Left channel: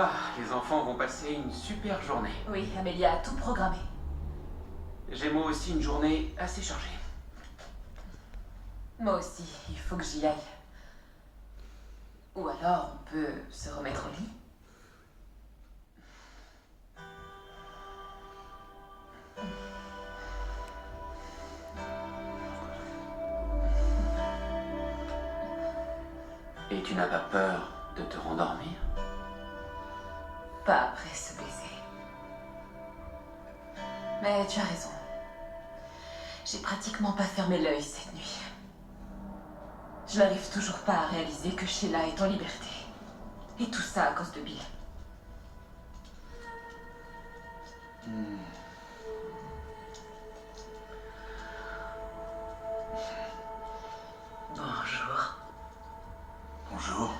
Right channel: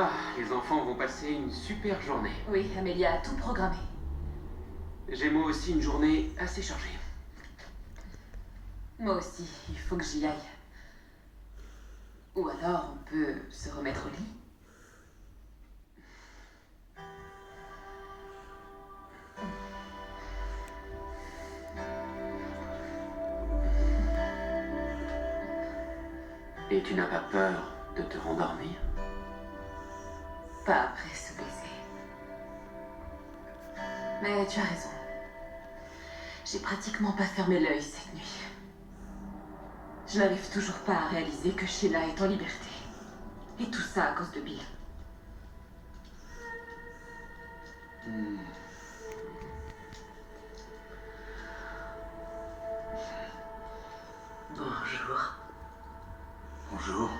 Ah, les enfants vont passer une super journée. Oui, Amélia a tout programmé. J'ai moi aussi une journée assez chargée. Moi aussi, il faut que j'y aille. Ou alors on peut se remettre au lit. Et tu n'as pas peur de te rendormir? Pas après ce baiser. Mais tu as raison. J'ai pratiquement pas fermé l'œil cette nuit. Je n'arrive toujours pas à réaliser que Sheila est en liberté. Et tout ça à cause de Bill. Bonjour. Bonjour.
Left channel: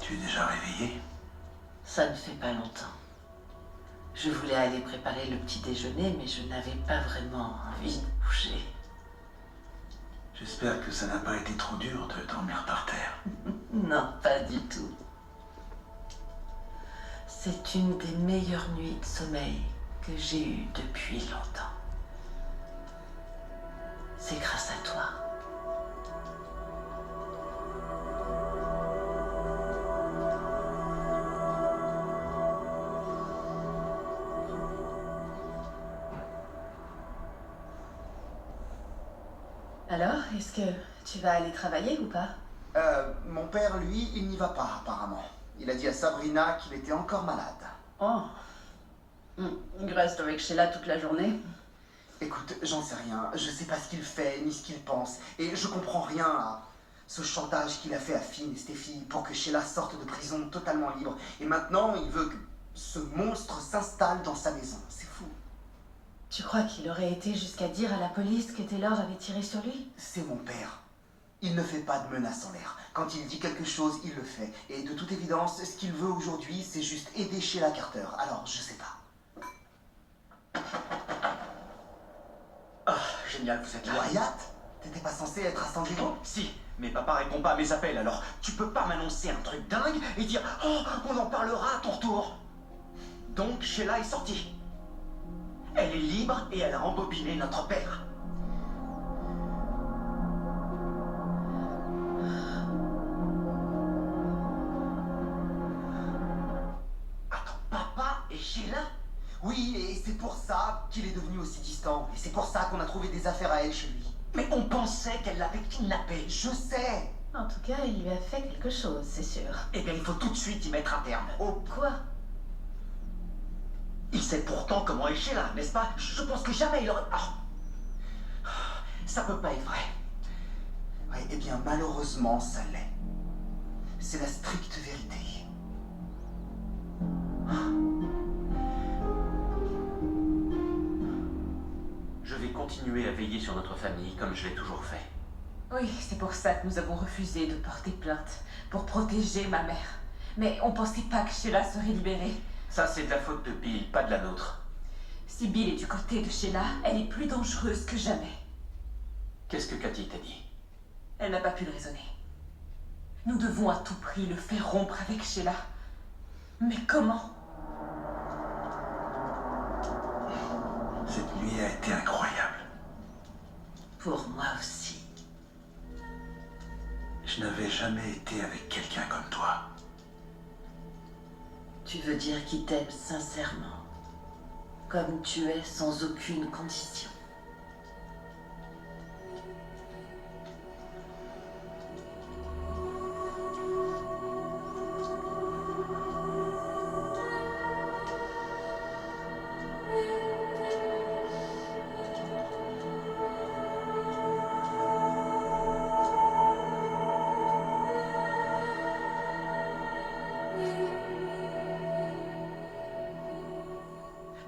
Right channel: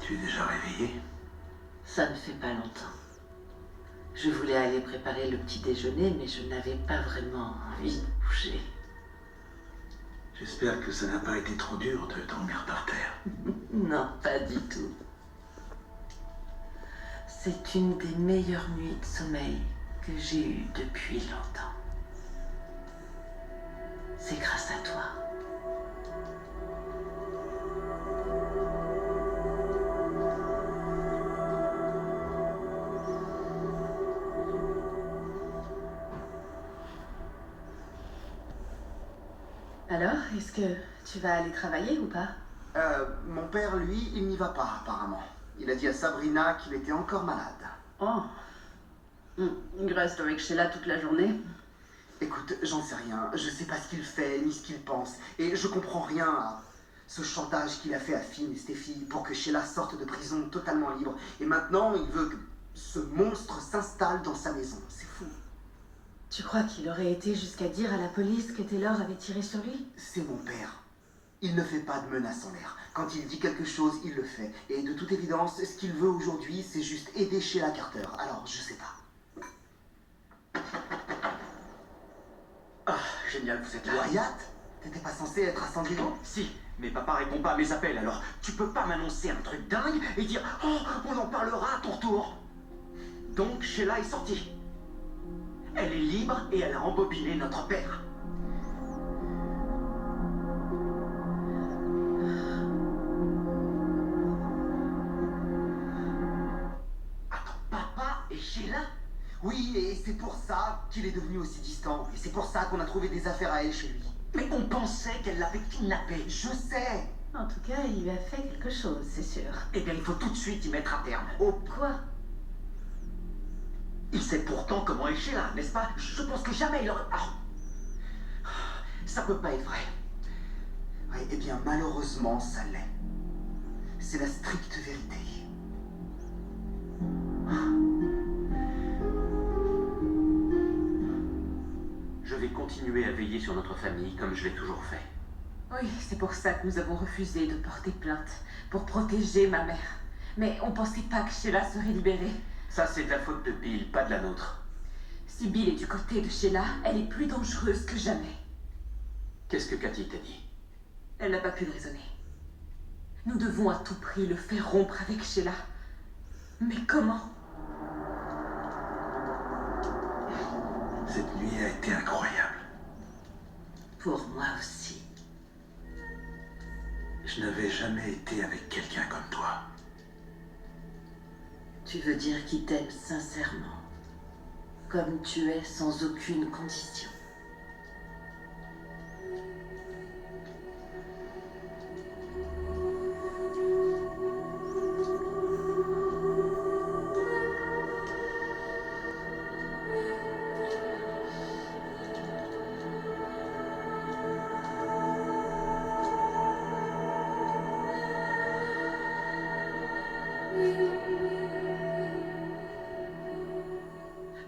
Tu es déjà réveillée? Ça ne fait pas longtemps. Je voulais aller préparer le petit déjeuner, mais je n'avais pas vraiment envie de bouger. J'espère que ça n'a pas été trop dur de dormir par terre. Non, pas du tout. C'est une des meilleures nuits de sommeil que j'ai eues depuis longtemps. C'est grâce à toi. Alors, est-ce que tu vas aller travailler ou pas? Mon père, lui, il n'y va pas, apparemment. Il a dit à Sabrina qu'il était encore malade. Oh. Il reste avec Sheila toute la journée. Écoute, j'en sais rien. Je sais pas ce qu'il fait, ni ce qu'il pense. Et je comprends rien à ce chantage qu'il a fait à Finn et Steffi pour que Sheila sorte de prison totalement libre. Et maintenant, il veut que ce monstre s'installe dans sa maison. C'est fou. Tu crois qu'il aurait été jusqu'à dire à la police que Taylor avait tiré sur lui? C'est mon père. Il ne fait pas de menaces en l'air. Quand il dit quelque chose, il le fait. Et de toute évidence, ce qu'il veut aujourd'hui, c'est juste aider Sheila Carter. Alors, je sais pas. Ah, génial, vous êtes là. Wyatt? T'étais pas censé être à San Diego? Si, mais papa répond pas à mes appels, alors tu peux pas m'annoncer un truc dingue et dire « Oh, on en parlera à ton retour !» Donc, Sheila est sortie. Elle est libre et elle a embobiné notre père. Attends, papa et Sheila? Oui, et c'est pour ça qu'il est devenu aussi distant. Et c'est pour ça qu'on a trouvé des affaires à elle chez lui. Mais on pensait qu'elle l'avait kidnappé. Je sais. En tout cas, il lui a fait quelque chose, c'est sûr. Eh bien, il faut tout de suite y mettre un terme. Oh, Quoi? Il sait pourtant comment est Sheila, n'est-ce pas? Je pense que jamais il aurait... Ah. Ça peut pas être vrai. ouais, eh bien, malheureusement, ça l'est. C'est la stricte vérité. Je vais continuer à veiller sur notre famille comme je l'ai toujours fait. Oui, c'est pour ça que nous avons refusé de porter plainte, pour protéger ma mère. Mais on pensait pas que Sheila serait libérée. Ça, c'est de la faute de Bill, pas de la nôtre. Si Bill est du côté de Sheila, elle est plus dangereuse que jamais. Qu'est-ce que Cathy t'a dit? Elle n'a pas pu le raisonner. Nous devons à tout prix le faire rompre avec Sheila. Mais comment? Cette nuit a été incroyable. Pour moi aussi. Je n'avais jamais été avec quelqu'un comme toi. Tu veux dire qu'il t'aime sincèrement, comme tu es sans aucune condition.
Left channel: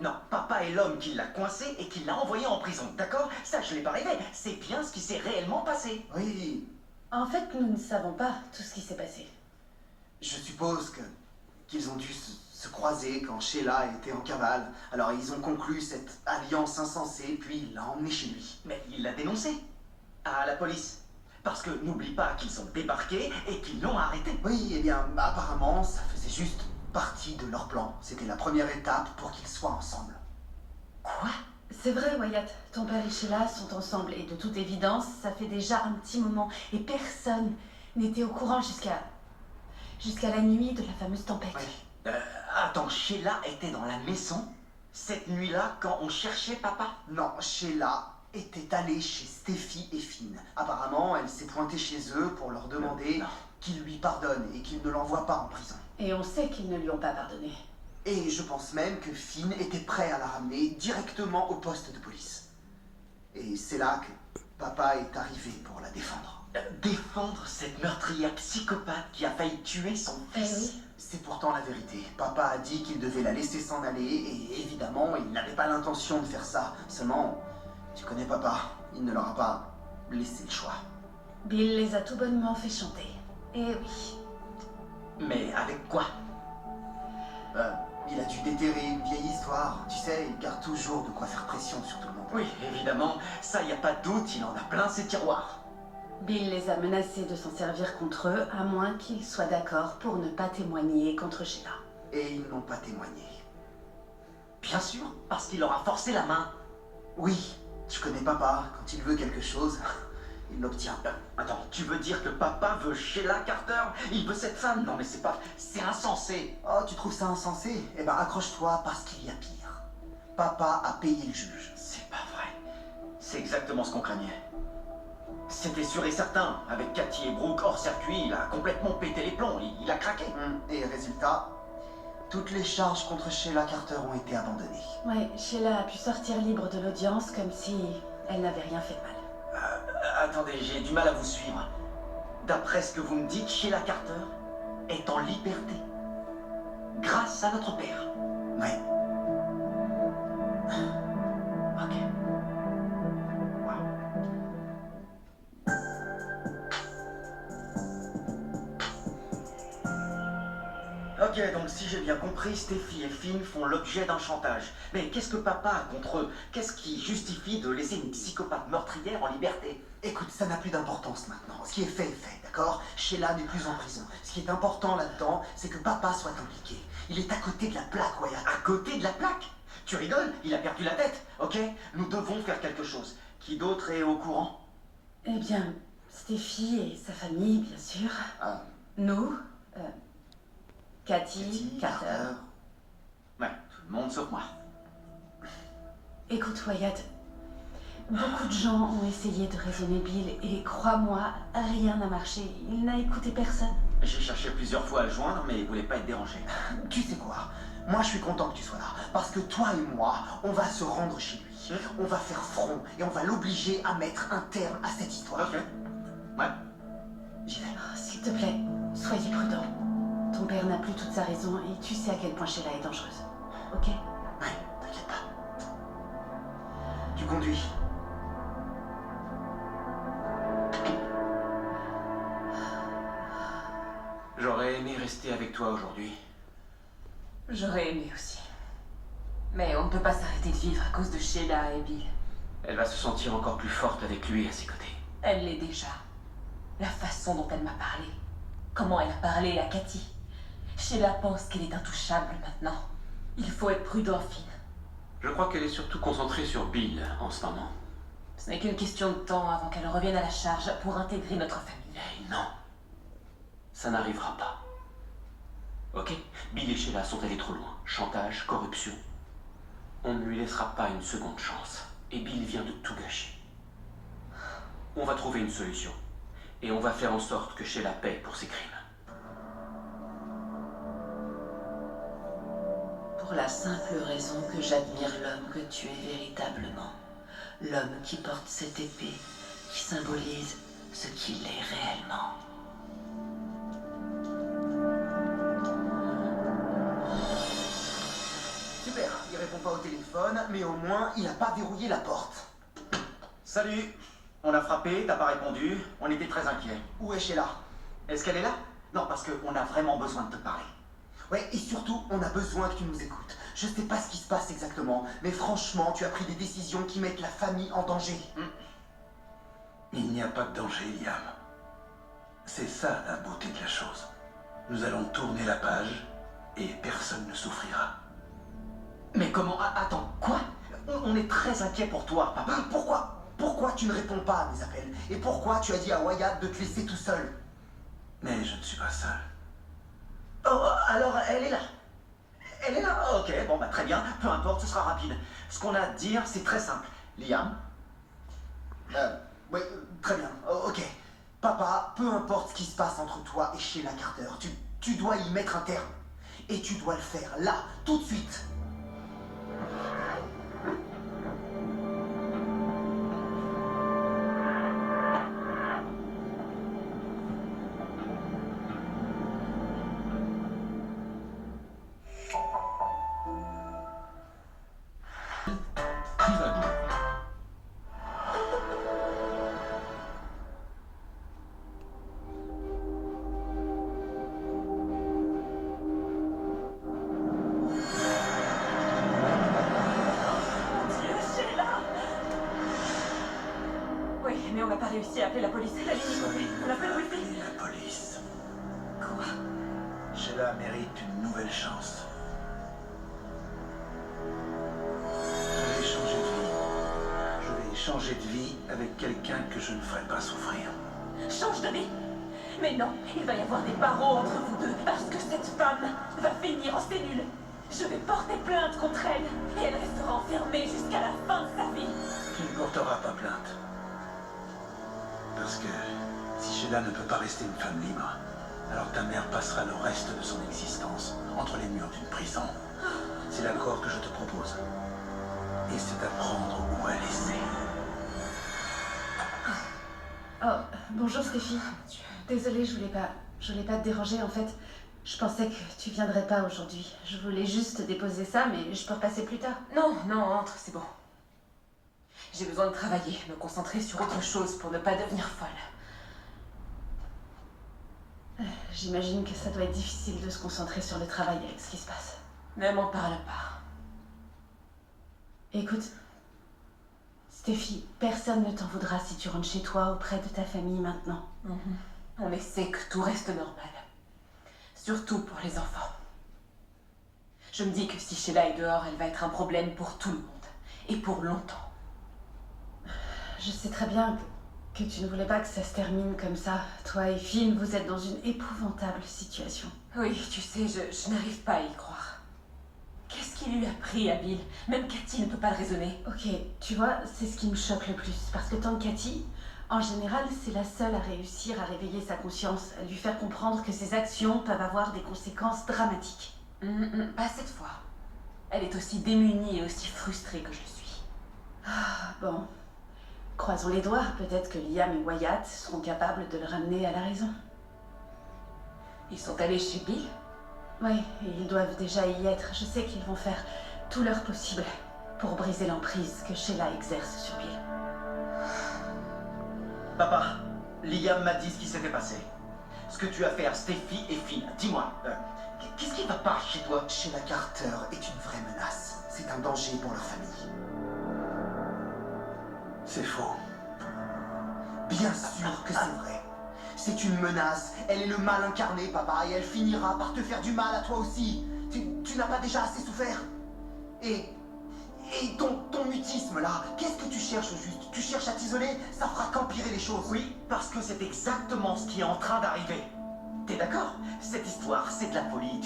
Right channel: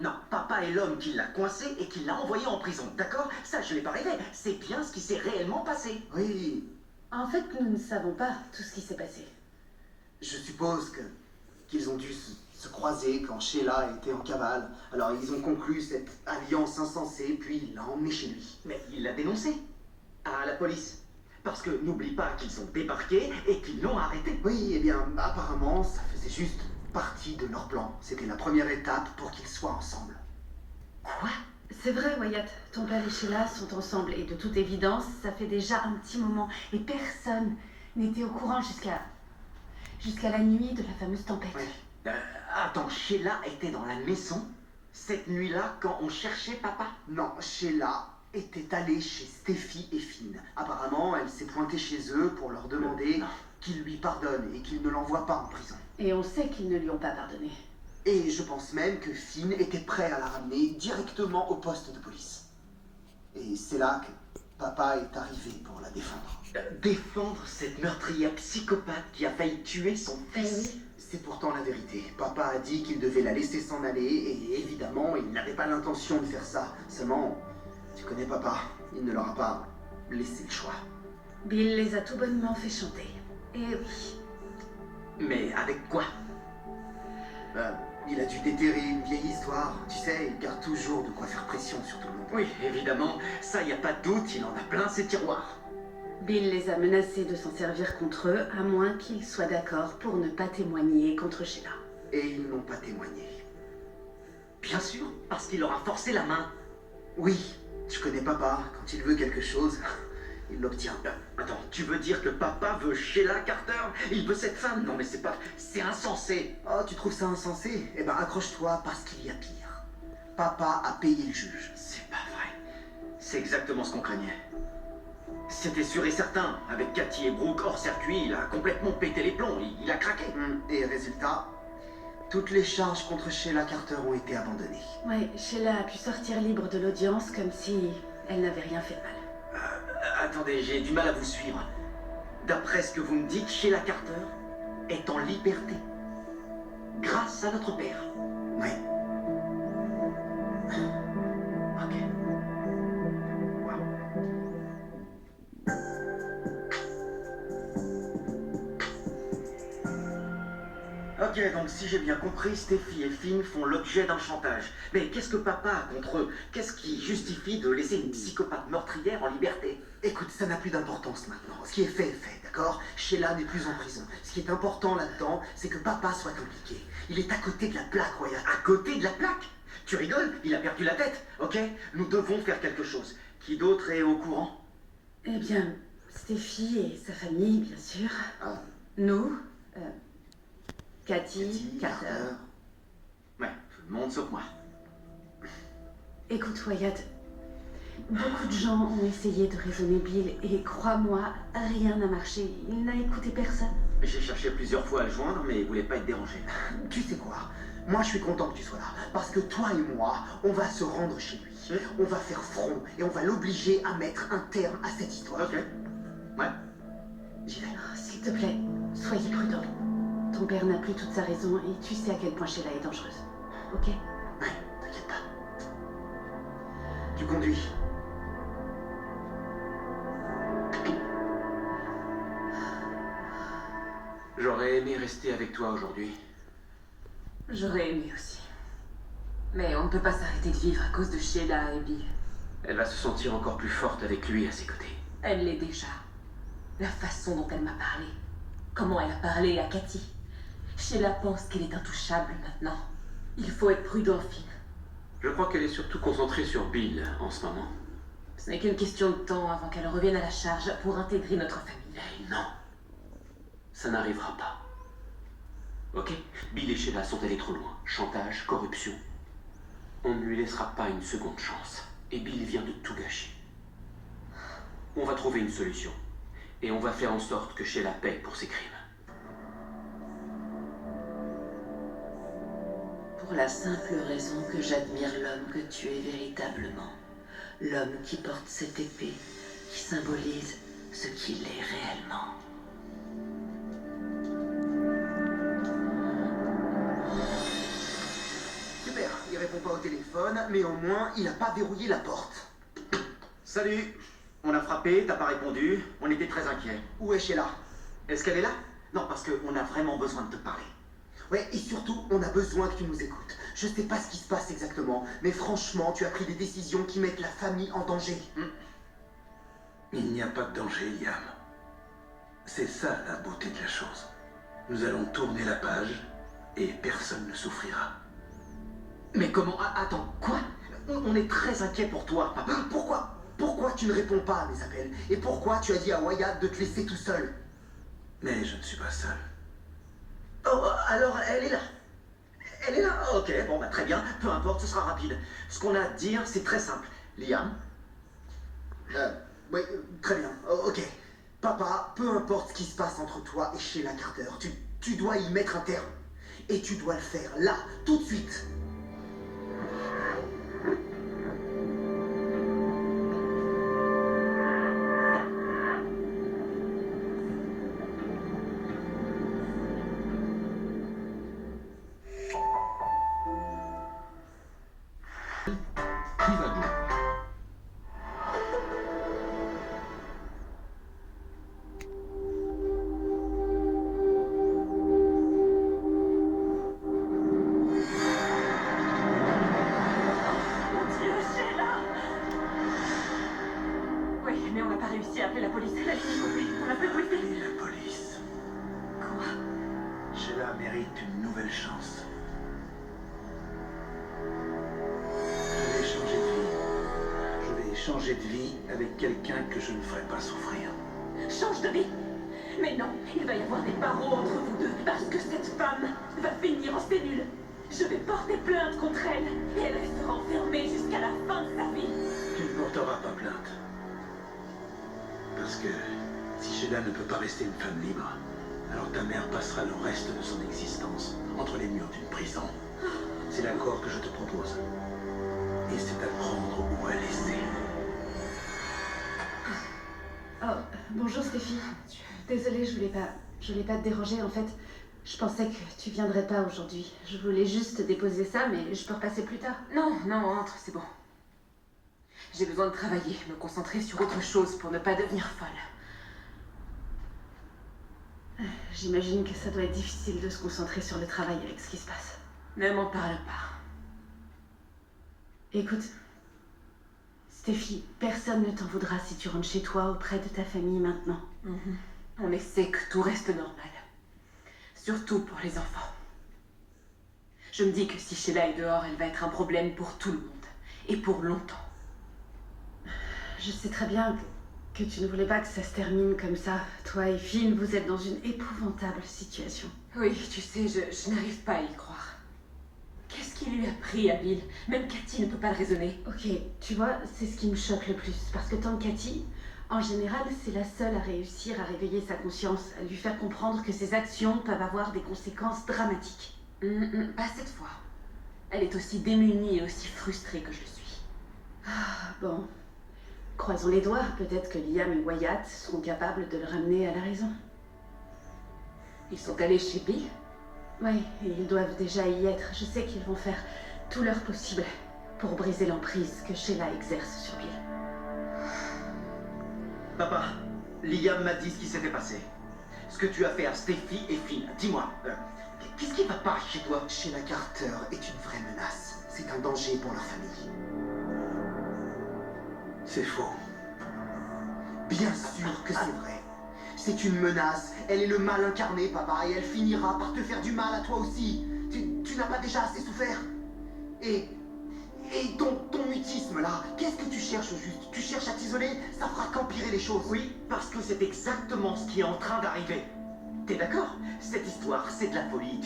Non, papa est l'homme qui l'a coincé et qui l'a envoyé en prison, d'accord? Ça, je l'ai pas rêvé. C'est bien ce qui s'est réellement passé. Oui, En fait, nous ne savons pas tout ce qui s'est passé. je suppose qu'ils ont dû se croiser quand Sheila était en cavale. Alors, ils ont conclu cette alliance insensée, puis il l'a emmené chez lui. Mais il l'a dénoncé. À la police. Parce que n'oublie pas qu'ils ont débarqué et qu'ils l'ont arrêté. Oui, eh bien, apparemment, ça faisait juste partie de leur plan. C'était la première étape pour qu'ils soient ensemble. Quoi? C'est vrai, Wyatt. Ton père et Sheila sont ensemble et de toute évidence, ça fait déjà un petit moment. Et personne n'était au courant jusqu'à la nuit de la fameuse tempête. Oui. Attends, Sheila était dans la maison cette nuit-là quand on cherchait papa? Non, Sheila était allée chez Steffi et Finn. Apparemment, elle s'est pointée chez eux pour leur demander Non. qu'ils lui pardonnent et qu'ils ne l'envoient pas en prison. Et on sait qu'ils ne lui ont pas pardonné. Et je pense même que Finn était prêt à la ramener directement au poste de police. Et c'est là que papa est arrivé pour la défendre. Défendre cette meurtrière psychopathe qui a failli tuer son Eh fils. oui. C'est pourtant la vérité. Papa a dit qu'il devait la laisser s'en aller et évidemment, il n'avait pas l'intention de faire ça. Seulement, tu connais papa, il ne leur a pas laissé le choix. Bill les a tout bonnement fait chanter. Eh oui. Mais avec quoi? Il a dû déterrer une vieille histoire. Tu sais, il garde toujours de quoi faire pression sur tout le monde. Oui, évidemment, ça y a pas de doute, il en a plein ses tiroirs. Bill les a menacés de s'en servir contre eux, à moins qu'ils soient d'accord pour ne pas témoigner contre Sheila. Et ils n'ont pas témoigné. Bien sûr, parce qu'il leur a forcé la main. Oui, je connais papa. Quand il veut quelque chose, il l'obtient. Attends, tu veux dire que papa veut Sheila Carter? Il veut cette femme? Non mais c'est pas... c'est insensé. Oh, tu trouves ça insensé? Eh ben, accroche-toi parce qu'il y a pire. Papa a payé le juge. C'est pas vrai. C'est exactement ce qu'on craignait. C'était sûr et certain. Avec Cathy et Brooke hors circuit, il a complètement pété les plombs. Il a craqué. Et résultat, toutes les charges contre Sheila Carter ont été abandonnées. Ouais, Sheila a pu sortir libre de l'audience comme si elle n'avait rien fait de mal. Attendez, j'ai du mal à vous suivre. D'après ce que vous me dites, Sheila Carter est en liberté. Grâce à notre père. Oui. Ok. Wow. Ok, donc si j'ai bien compris, Steffi et Finn font l'objet d'un chantage. Mais qu'est-ce que papa a contre eux? Qu'est-ce qui justifie de laisser une psychopathe meurtrière en liberté? Écoute, ça n'a plus d'importance maintenant. Ce qui est fait, d'accord? Sheila n'est plus en prison. Ce qui est important là-dedans, c'est que papa soit impliqué. Il est à côté de la plaque, Wyatt. À côté de la plaque? Tu rigoles? Il a perdu la tête, ok? Nous devons faire quelque chose. Qui d'autre est au courant? Eh bien, Steffi et sa famille, bien sûr. Ah, Nous, Cathy, Cathy, Carter. Ouais, tout le monde sauf moi. Écoute, Wyatt, beaucoup de gens ont essayé de raisonner Bill et crois-moi, rien n'a marché. Il n'a écouté personne. J'ai cherché plusieurs fois à le joindre, mais il voulait pas être dérangé. Tu sais quoi? Moi, je suis content que tu sois là. Parce que toi et moi, on va se rendre chez lui. On va faire front et on va l'obliger à mettre un terme à cette histoire. Ok. Ouais. J'y vais. Oh, s'il te plaît, soyez prudent. Ton père n'a plus toute sa raison et tu sais à quel point Sheila est dangereuse. Ok? Ouais, t'inquiète pas. Tu conduis. J'aurais aimé rester avec toi aujourd'hui. J'aurais aimé aussi. Mais on ne peut pas s'arrêter de vivre à cause de Sheila et Bill. Elle va se sentir encore plus forte avec lui à ses côtés. Elle l'est déjà. La façon dont elle m'a parlé. Comment elle a parlé à Cathy. Sheila pense qu'elle est intouchable maintenant. Il faut être prudent, Finn. Je crois qu'elle est surtout concentrée sur Bill en ce moment. Ce n'est qu'une question de temps avant qu'elle revienne à la charge pour intégrer notre famille. Eh non. Ça n'arrivera pas. Ok? Bill et Sheila sont allés trop loin. Chantage, corruption. On ne lui laissera pas une seconde chance. Et Bill vient de tout gâcher. On va trouver une solution. Et on va faire en sorte que Sheila paie pour ses crimes. Pour la simple raison que j'admire l'homme que tu es véritablement. L'homme qui porte cette épée, qui symbolise ce qu'il est réellement. Super, il répond pas au téléphone, mais au moins, il a pas verrouillé la porte. Salut. On a frappé, t'as pas répondu. On était très inquiets. Où est Sheila? Est-ce qu'elle est là? Non, parce qu'on a vraiment besoin de te parler. Ouais, et surtout, on a besoin que tu nous écoutes. Je sais pas ce qui se passe exactement, mais franchement, tu as pris des décisions qui mettent la famille en danger. Il n'y a pas de danger, Liam. C'est ça la beauté de la chose. Nous allons tourner la page et personne ne souffrira. Mais comment... Attends, quoi? On est très inquiet pour toi, papa. Pourquoi tu ne réponds pas à mes appels? Et pourquoi tu as dit à Wyatt de te laisser tout seul? Mais je ne suis pas seul. Oh, alors elle est là. Elle est là. Ok, bon, bah très bien. Peu importe, ce sera rapide. Ce qu'on a à te dire, c'est très simple. Liam, Oui, très bien. Ok. Papa, peu importe ce qui se passe entre toi et Sheila Carter, tu dois y mettre un terme. Et tu dois le faire, là, tout de suite. Trivago. Mon Dieu, Sheila! Oui, mais on n'a pas réussi à appeler la police. La ligne est coupée. On a fait le wifi. Et la police. Quoi? Sheila mérite une nouvelle chance. Je vais changer de vie. Je vais changer de vie avec quelqu'un que je ne ferai pas souffrir. Change de vie? Mais non, il va y avoir des barreaux entre vous deux parce que cette femme va finir en cellule. Je vais porter plainte contre elle et elle restera enfermée jusqu'à la fin de sa vie. Tu ne porteras pas plainte. Parce que si Sheila ne peut pas rester une femme libre, alors ta mère passera le reste de son existence entre les murs d'une prison. C'est l'accord que je te propose. Et c'est à prendre ou à laisser. Oh, bonjour Stéphie. Désolée, je voulais pas te déranger en fait. Je pensais que tu viendrais pas aujourd'hui. Je voulais juste déposer ça, mais je peux repasser plus tard. Non, non, entre, c'est bon. J'ai besoin de travailler, me concentrer sur autre chose pour ne pas devenir folle. J'imagine que ça doit être difficile de se concentrer sur le travail avec ce qui se passe. Ne m'en parle pas. Écoute, Stéphie, personne ne t'en voudra si tu rentres chez toi auprès de ta famille maintenant. On essaie que tout reste normal. Surtout pour les enfants. Je me dis que si Sheila est dehors, elle va être un problème pour tout le monde. Et pour longtemps. Je sais très bien que tu ne voulais pas que ça se termine comme ça. Toi et Finn, vous êtes dans une épouvantable situation. Oui, tu sais, je n'arrive pas à y croire. Qu'est-ce qui lui a pris à Bill? Même Cathy ne peut pas le raisonner. Ok, tu vois, c'est ce qui me choque le plus. Parce que tante Cathy, en général, c'est la seule à réussir à réveiller sa conscience, à lui faire comprendre que ses actions peuvent avoir des conséquences dramatiques. Pas cette fois. Elle est aussi démunie et aussi frustrée que je le suis. Ah, bon. Croisons les doigts, peut-être que Liam et Wyatt seront capables de le ramener à la raison. Ils sont allés chez Bill? Oui, et ils doivent déjà y être. Je sais qu'ils vont faire tout leur possible pour briser l'emprise que Sheila exerce sur Bill. papa, Liam m'a dit ce qui s'était passé. Ce que tu as fait à Steffi et Finn. Dis-moi, qu'est-ce qui va pas chez toi? Sheila Carter est une vraie menace. C'est un danger pour leur famille. C'est faux. Bien sûr que c'est vrai. C'est une menace. Elle est le mal incarné, papa, et elle finira par te faire du mal à toi aussi. Tu n'as pas déjà assez souffert? Et ton mutisme, là, qu'est-ce que tu cherches au juste? Tu cherches à t'isoler? Ça fera qu'empirer les choses. Oui, parce que c'est exactement ce qui est en train d'arriver. T'es d'accord? Cette histoire, c'est de la folie.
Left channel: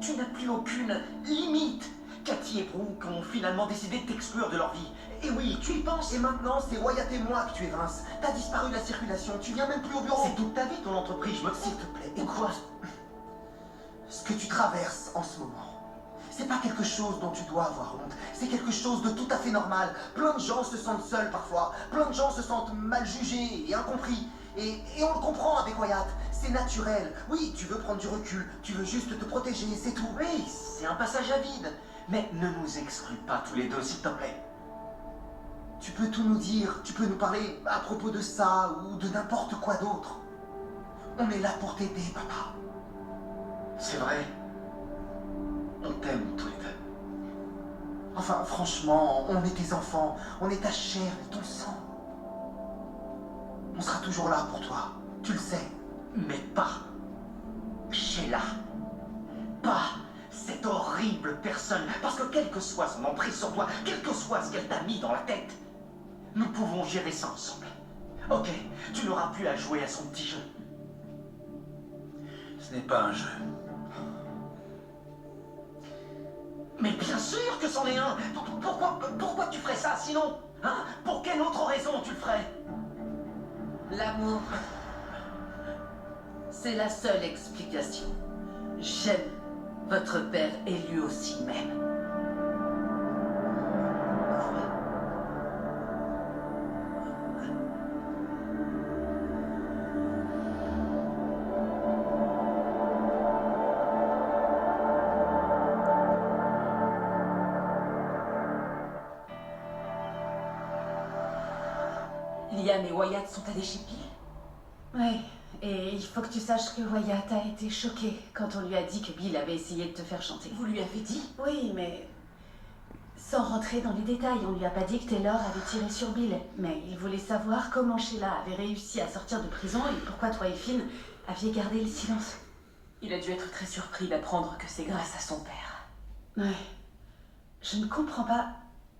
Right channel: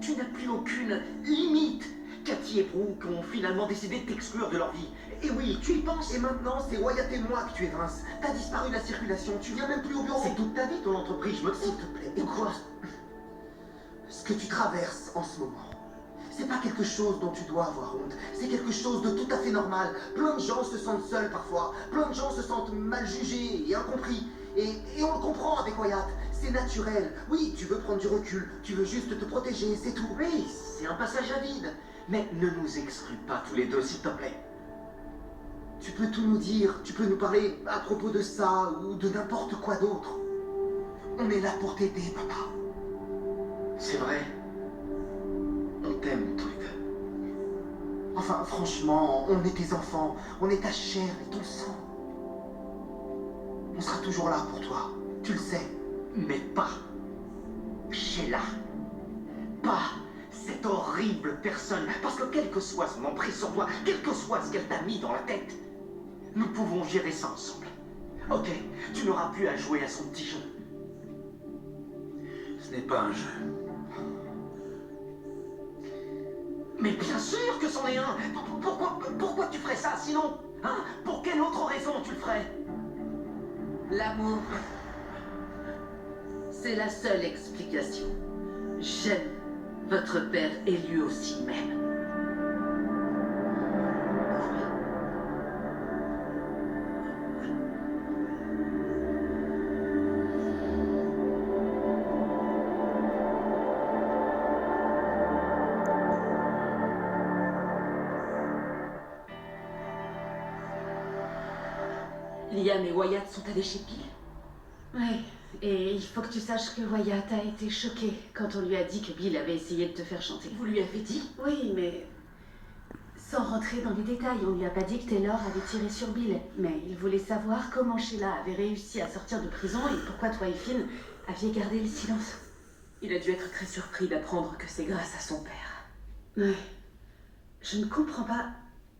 Tu n'as plus aucune limite. Cathy et Brooke ont finalement décidé de t'exclure de leur vie. Et oui, tu y penses. Et maintenant, c'est Wyatt et moi que tu évinces. T'as disparu de la circulation, tu viens même plus au bureau. C'est toute ta vie, ton entreprise, je me S'il fous. te plaît, écoute. Ce que tu traverses en ce moment, c'est pas quelque chose dont tu dois avoir honte. C'est quelque chose de tout à fait normal. Plein de gens se sentent seuls parfois. Plein de gens se sentent mal jugés et incompris. Et on le comprend avec Wyatt. C'est naturel. Oui, tu veux prendre du recul. Tu veux juste te protéger, c'est tout. Oui, c'est un passage à vide. Mais ne nous exclus pas tous les deux, s'il te plaît. Tu peux tout nous dire. Tu peux nous parler à propos de ça ou de n'importe quoi d'autre. On est là pour t'aider, papa. C'est vrai. On t'aime tous les deux. Enfin, franchement, on est tes enfants. On est ta chair et ton sang. On sera toujours là pour toi. Tu le sais. Mais pas Sheila. Pas cette horrible personne. Parce que quelle que soit son emprise sur toi, quel que soit ce qu'elle t'a mis dans la tête, nous pouvons gérer ça ensemble. Ok, tu n'auras plus à jouer à son petit jeu. Ce n'est pas un jeu. Mais bien sûr que c'en est un. Pourquoi tu ferais ça sinon? Hein? Pour quelle autre raison tu le ferais? L'amour, c'est la seule explication. J'aime votre père et lui aussi m'aime. Liam et Wyatt sont allés chez Bill. Oui, et il faut que tu saches que Wyatt a été choqué quand on lui a dit que Bill avait essayé de te faire chanter. Vous lui avez dit? Oui, mais sans rentrer dans les détails, on lui a pas dit que Taylor avait tiré sur Bill. Mais il voulait savoir comment Sheila avait réussi à sortir de prison et pourquoi toi et Finn aviez gardé le silence. Il a dû être très surpris d'apprendre que c'est grâce à son père. Ouais. Je ne comprends pas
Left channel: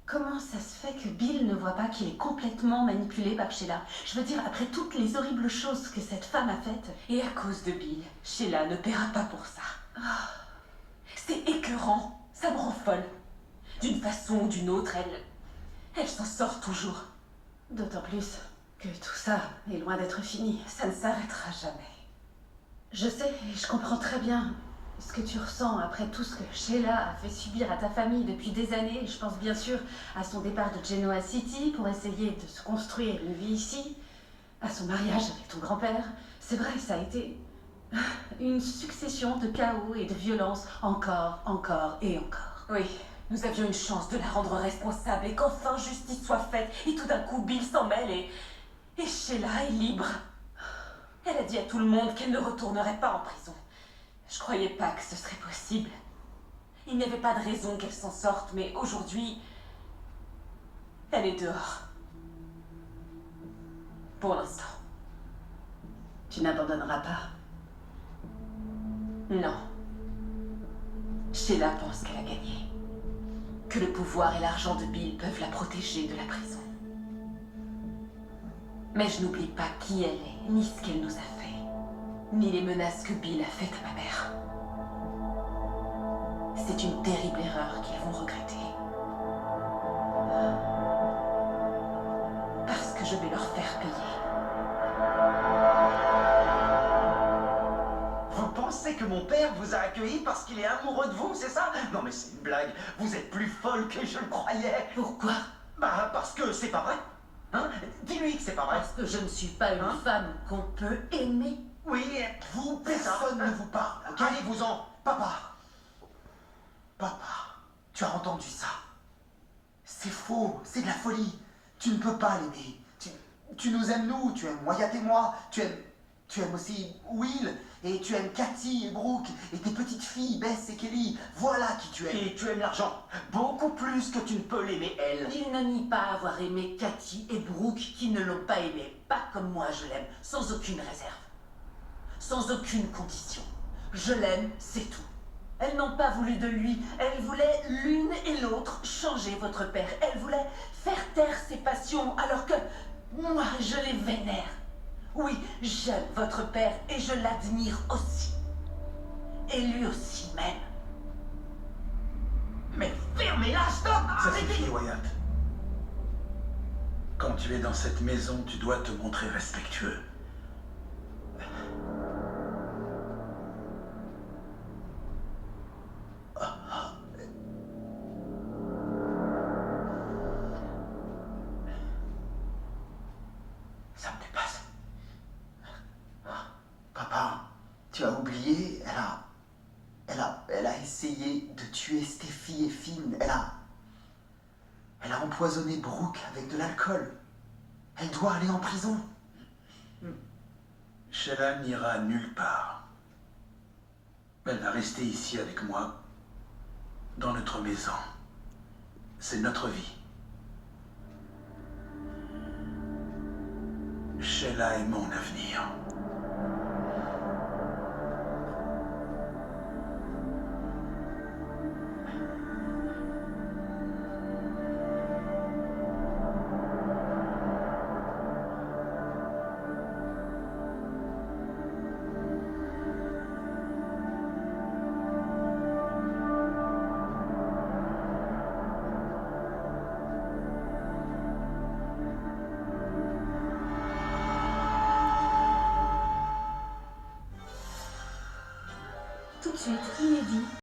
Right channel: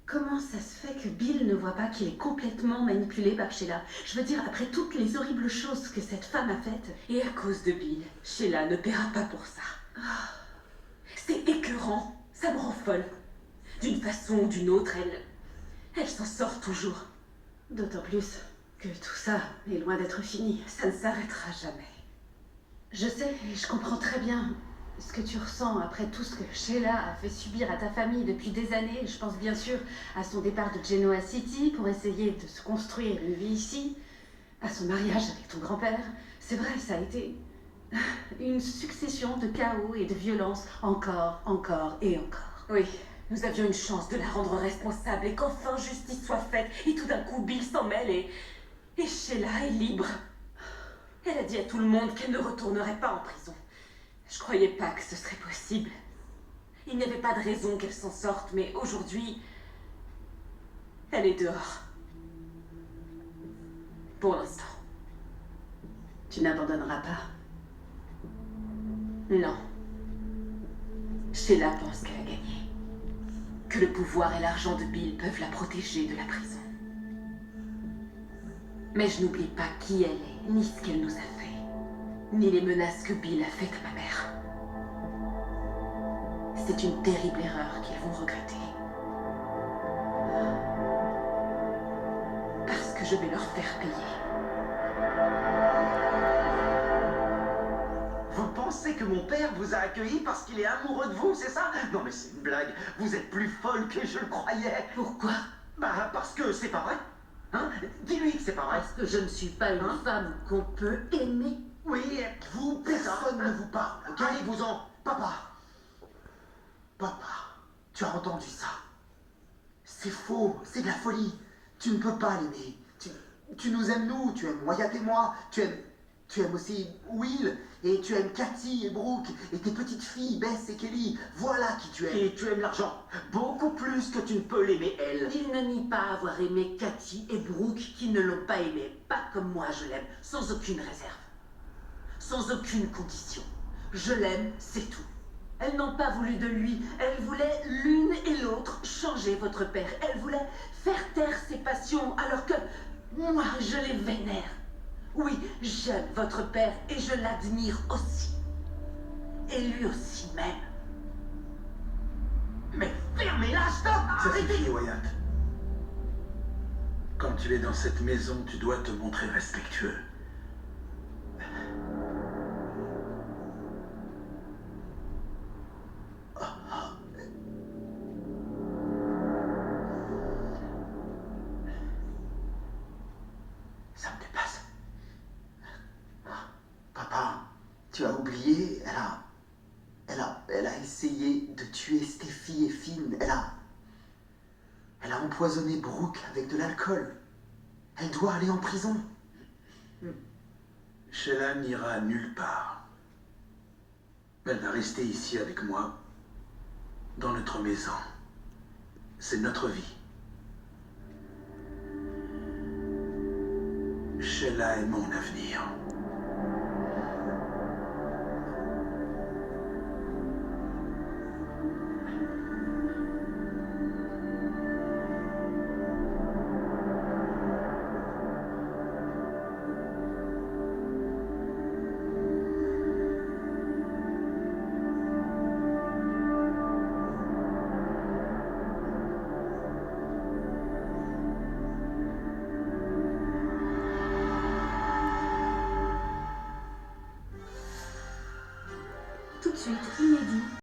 comment ça se fait que Bill ne voit pas qu'il est complètement manipulé par Sheila. Je veux dire, après toutes les horribles choses que cette femme a faites. Et à cause de Bill, Sheila ne paiera pas pour ça. C'est écœurant, ça me rend folle. D'une façon ou d'une autre, elle s'en sort toujours. D'autant plus que tout ça est loin d'être fini. Ça ne s'arrêtera jamais. Je sais et je comprends très bien ce que tu ressens après tout ce que Sheila a fait subir à ta famille depuis des années. Je pense bien sûr à son départ de Genoa City pour essayer de se construire une vie ici, à son mariage avec ton grand-père. C'est vrai, ça a été une succession de chaos et de violence, encore et encore. Oui, nous avions une chance de la rendre responsable et qu'enfin justice soit faite. Et tout d'un coup, Bill s'en mêle et Sheila est libre. Elle a dit à tout le monde qu'elle ne retournerait pas en prison. Je croyais pas que ce serait possible. Il n'y avait pas de raison qu'elle s'en sorte, mais aujourd'hui, elle est dehors. Pour l'instant. Tu n'abandonneras pas. Non. Sheila pense qu'elle a gagné. Que le pouvoir et l'argent de Bill peuvent la protéger de la prison. Mais je n'oublie pas qui elle est, ni ce qu'elle nous a fait, ni les menaces que Bill a faites à ma mère. C'est une terrible erreur qu'ils vont regretter. Parce que je vais leur faire payer. Vous pensez que mon père vous a accueilli parce qu'il est amoureux de vous, c'est ça? Non mais c'est une blague. Vous êtes plus folle que je le croyais. Pourquoi? Bah parce que c'est pas vrai. Hein? Dis-lui que c'est pas vrai. Parce que je ne suis pas une Hein? femme qu'on peut aimer. Oui, Vous, personne ne vous parle, ok? Allez-vous-en. Papa. Papa, tu as entendu ça? C'est faux, c'est de la folie. Tu ne peux pas l'aimer. Tu nous aimes, nous. Tu aimes Wyatt et moi. Tu aimes aussi Will. Et tu aimes Cathy et Brooke. Et tes petites filles, Bess et Kelly. Voilà qui tu aimes. Et tu aimes l'argent. Beaucoup plus que tu ne peux l'aimer, elle. Il ne nie pas avoir aimé Cathy et Brooke qui ne l'ont pas aimé. Pas comme moi je l'aime, sans aucune réserve. Sans aucune condition. Je l'aime, c'est tout. Elles n'ont pas voulu de lui. Elles voulaient l'une et l'autre changer votre père. Elles voulaient faire taire ses passions alors que moi je les vénère. Oui, j'aime votre père et je l'admire aussi. Et lui aussi m'aime. Mais fermez-la, stop! Ça Arrêtez! suffit, Wyatt. Quand tu es dans cette maison, tu dois te montrer respectueux. Ça me dépasse. Papa, tu as oublié, elle a essayé de tuer Steffi et Finn. Elle a empoisonné Brooke avec de l'alcool. Elle doit aller en prison. Sheila n'ira nulle part. Elle va rester ici avec moi, dans notre maison. C'est notre vie. Sheila est mon avenir. Tout de suite, inédit.